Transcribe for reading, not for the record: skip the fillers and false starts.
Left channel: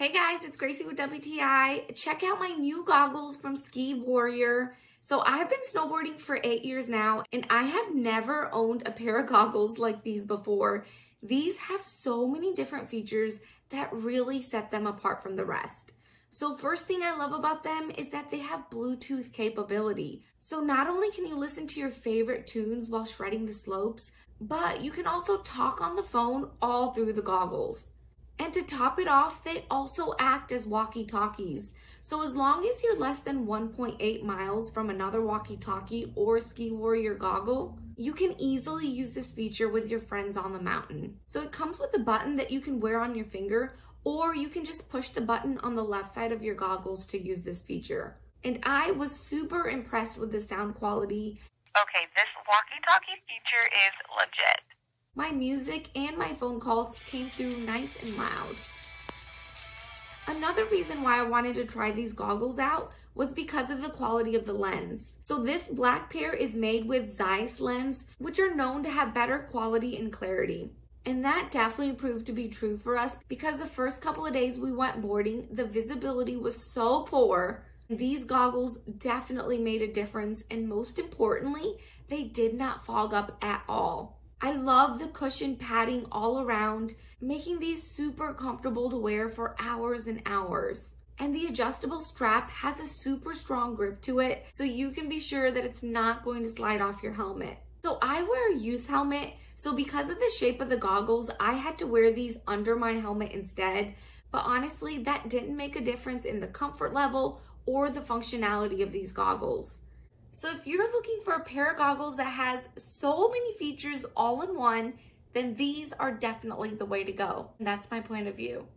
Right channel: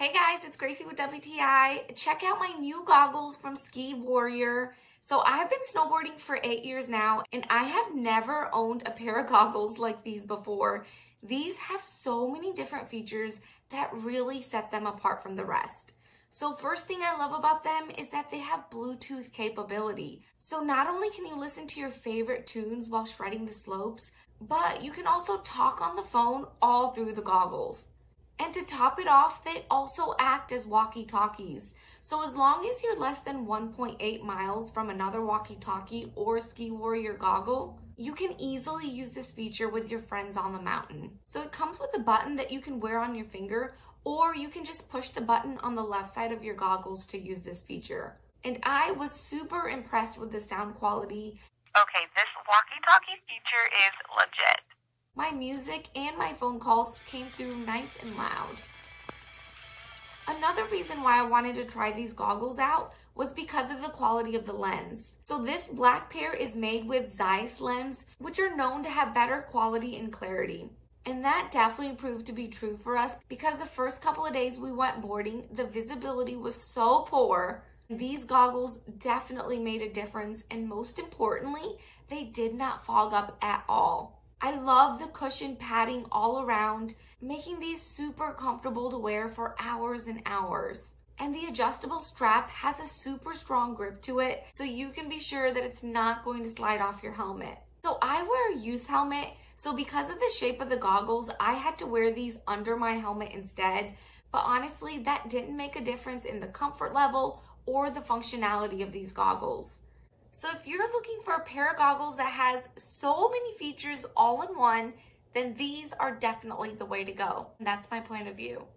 Hey guys, it's Gracie with WTI. Check out my new goggles from SKIWARRIOR. So I've been snowboarding for 8 years now, and I have never owned a pair of goggles like these before. These have so many different features that really set them apart from the rest. So first thing I love about them is that they have Bluetooth capability. So not only can you listen to your favorite tunes while shredding the slopes, but you can also talk on the phone all through the goggles. And to top it off, they also act as walkie talkies. So as long as you're less than 1.8 miles from another walkie talkie or SKIWARRIOR goggle, you can easily use this feature with your friends on the mountain. So it comes with a button that you can wear on your finger, or you can just push the button on the left side of your goggles to use this feature. And I was super impressed with the sound quality. Okay, this walkie-talkie feature is legit. My music and my phone calls came through nice and loud. Another reason why I wanted to try these goggles out was because of the quality of the lens. So this black pair is made with Zeiss lens, which are known to have better quality and clarity. And that definitely proved to be true for us because the first couple of days we went boarding, the visibility was so poor. These goggles definitely made a difference, and most importantly, they did not fog up at all. I love the cushion padding all around, making these super comfortable to wear for hours and hours. And the adjustable strap has a super strong grip to it, so you can be sure that it's not going to slide off your helmet. So I wear a youth helmet, so because of the shape of the goggles, I had to wear these under my helmet instead. But honestly, that didn't make a difference in the comfort level or the functionality of these goggles. So if you're looking for a pair of goggles that has so many features all in one, then these are definitely the way to go. And that's my point of view.